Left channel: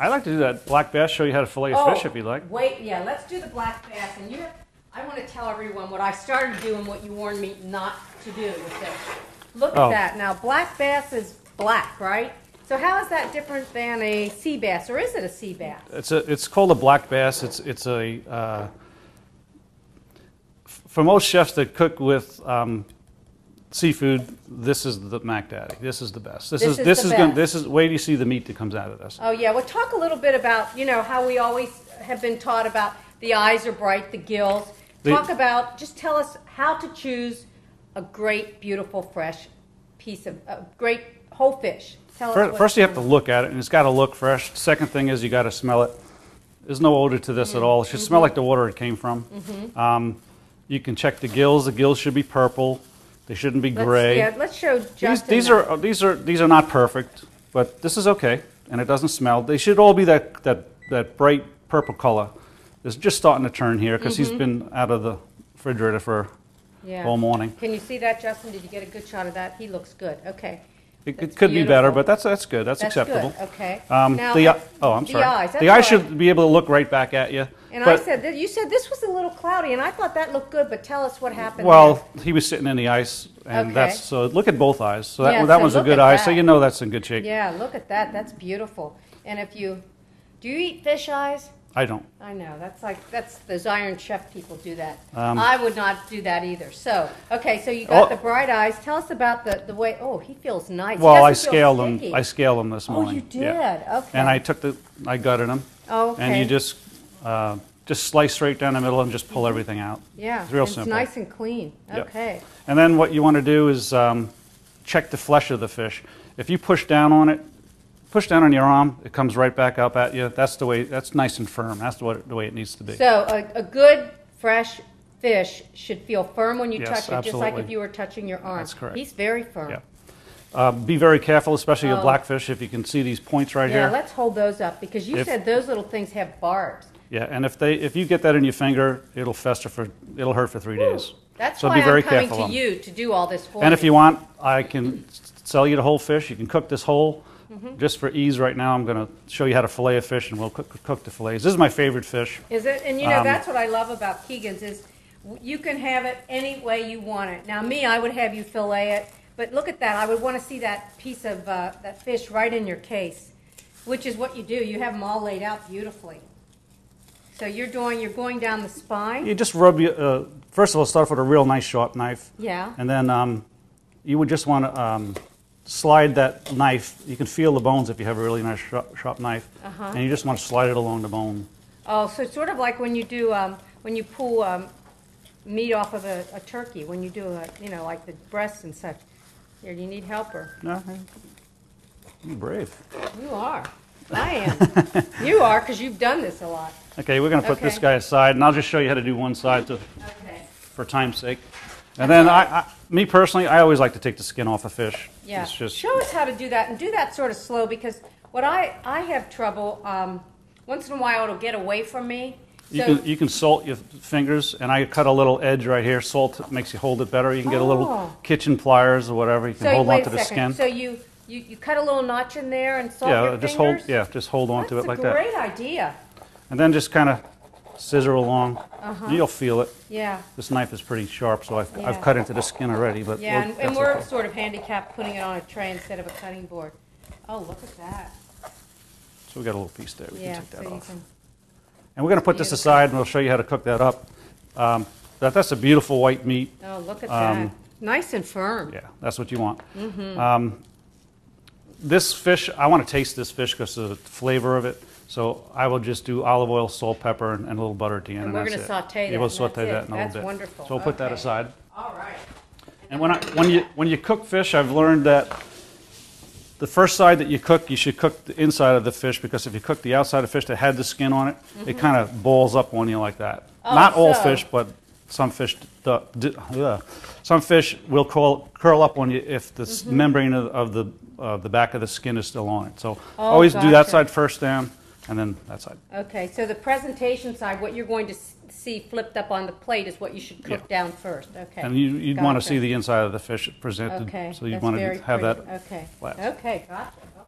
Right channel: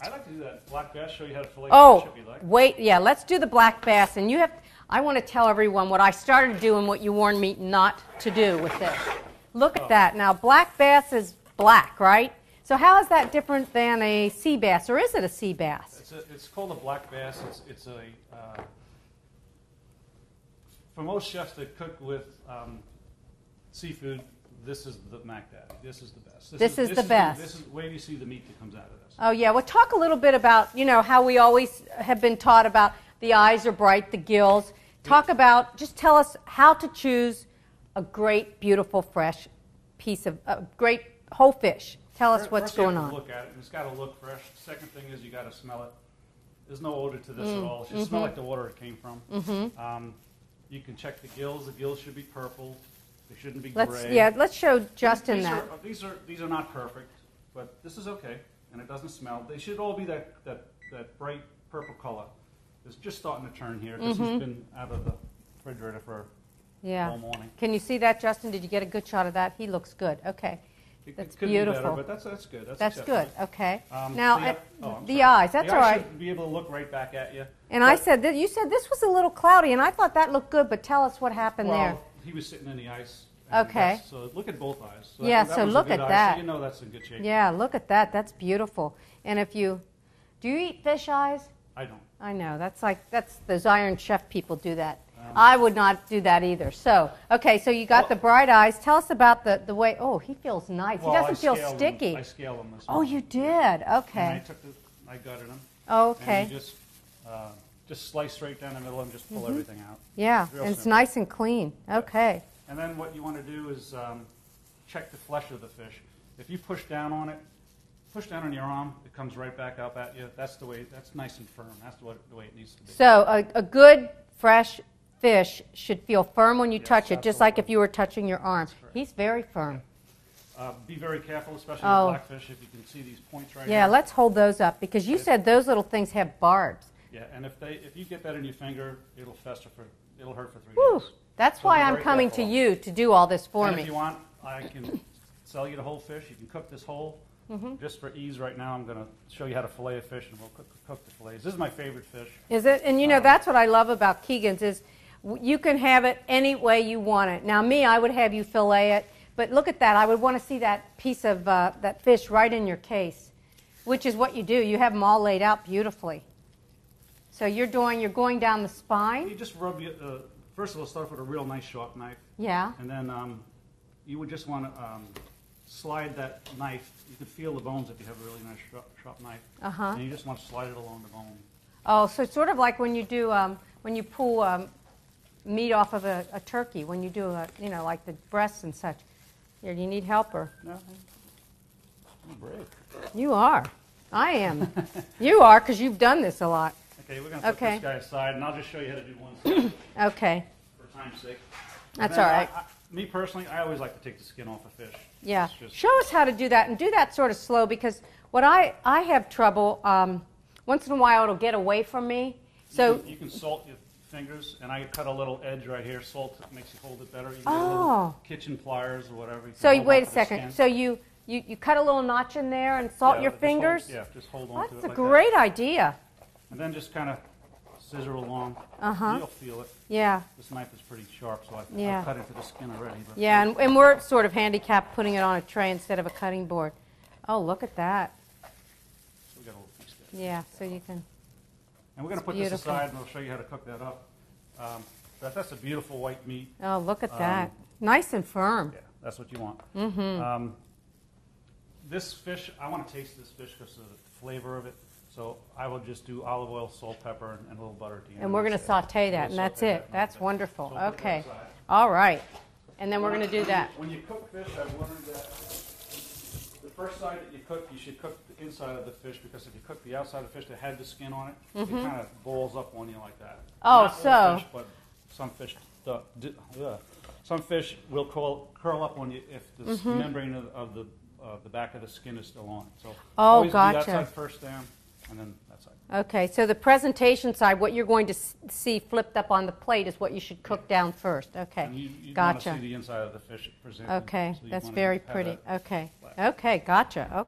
I like to do that black bass, show you how to fillet fish if you like. Wait, yeah, let's do the black bass. And I want to tell everyone what I started doing, what you warned me not to do with this. Look at that. Now, black bass is black, right? So how is that different than a sea bass, or is it a sea bass? It's called a black bass. It's a for most chefs that cook with seafood, this is the Mac Daddy. This is the best. This is good. Wait till you see the meat that comes out of this. Oh yeah. Well, talk a little bit about how we always have been taught about the eyes are bright, the gills. Just tell us how to choose a great, beautiful, fresh piece of great whole fish. Tell us what's First, you have to going on. look at it, and it's got to look fresh. Second thing is you got to smell it. There's no odor to this at all. It should smell like the water it came from. You can check the gills. The gills should be purple. They shouldn't be gray. Let's show Justin. These are not perfect, but this is okay, and it doesn't smell. They should all be that bright purple color. It's just starting to turn here because he's been out of the refrigerator for all morning. Can you see that, Justin? Did you get a good shot of that? He looks good. Okay. It could be better, but that's good. That's acceptable. Good. Okay. Now, I'm sorry. The eyes. The eyes should be able to look right back at you. And you said this was a little cloudy, and I thought that looked good. But tell us what happened. Well, he was sitting in the ice, and so look at both eyes. So that was a good eye. So you know that's in good shape. Yeah, look at that. That's beautiful. And do you eat fish eyes? I don't. I know. That's those Iron Chef people do that. I would not do that either. So, okay, so you got the bright eyes. Tell us about the way. Oh, he feels nice. Well, I scaled them. I scaled them this morning. Oh, you did. Yeah. Okay. And I gutted them. Oh, okay. And you just slice straight down the middle and just pull everything out. Yeah. It's real simple. It's nice and clean. Okay. Yep. And then what you want to do is check the flesh of the fish. If you push down on it. Push down on your arm, it comes right back up at you. That's the way. That's nice and firm. That's the way it needs to be. So a good fresh fish should feel firm when you touch it, just like if you were touching your arm. That's correct. He's very firm. Yeah. Be very careful, especially with blackfish. If you can see these points right here. Yeah, let's hold those up because you said those little things have barbs. Yeah, and if you get that in your finger, it'll it'll hurt for 3 days. That's so why be very I'm coming careful to you to do all this for And me. if you want, I can sell you the whole fish. You can cook this whole. Just for ease right now, I'm going to show you how to fillet a fish, and we'll cook the fillets. This is my favorite fish. Is it? And that's what I love about Keegan's is you can have it any way you want it. Now, I would have you fillet it, but look at that. I would want to see that piece of that fish right in your case, which is what you do. You have them all laid out beautifully. So you're going down the spine. You just rub first of all, start with a real nice sharp knife. Yeah. And then you would just want to slide that knife. You can feel the bones if you have a really nice sharp knife. And you just want to slide it along the bone. Oh, so it's sort of like when you do when you pull meat off of a turkey, when you do like the breasts and such. You need help or? No, you're brave. You are. I am. You are, because you've done this a lot. Okay, we're going to put this guy aside, and I'll just show you how to do one side for time's sake. And then, me personally, I always like to take the skin off a fish. Yeah. Show us how to do that, and do that sort of slow, because what I have trouble, once in a while it'll get away from me. You can salt your fingers, and I cut a little edge right here. Salt makes you hold it better. You can get a little kitchen pliers or whatever. You can hold on to the skin. So you cut a little notch in there and salt your fingers? Just hold on to it like that. That's a great idea. And then just kind of scissor along. You'll feel it. Yeah. This knife is pretty sharp, so I've cut into the skin already. But yeah, and we're sort of handicapped putting it on a tray instead of a cutting board. Oh, look at that. So we got a little piece there. We can take that off. And we're going to put this aside, and we'll show you how to cook that up. That's a beautiful white meat. Oh, look at that. Nice and firm. Yeah, that's what you want. This fish, I want to taste this fish because of the flavor of it. So I will just do olive oil, salt, pepper, and a little butter at the end. And we're going to saute that. Yeah, we'll saute that in a little bit. That's wonderful. So we'll put that aside. All right. And then we're going to do that. When you cook fish, I've learned that the first side that you cook, you should cook the inside of the fish, because if you cook the outside of the fish that had the skin on it, it kind of balls up on you like that. Not all fish, but some fish. Some fish will curl up on you if the membrane of the back of the skin is still on it. So always do that side first down, and then that side. Okay, so the presentation side, what you're going to see flipped up on the plate is what you should cook down first. Okay. And you'd want to see the inside of the fish presented. Okay, so you'd want to have that. Okay. flat. Okay, gotcha. Okay.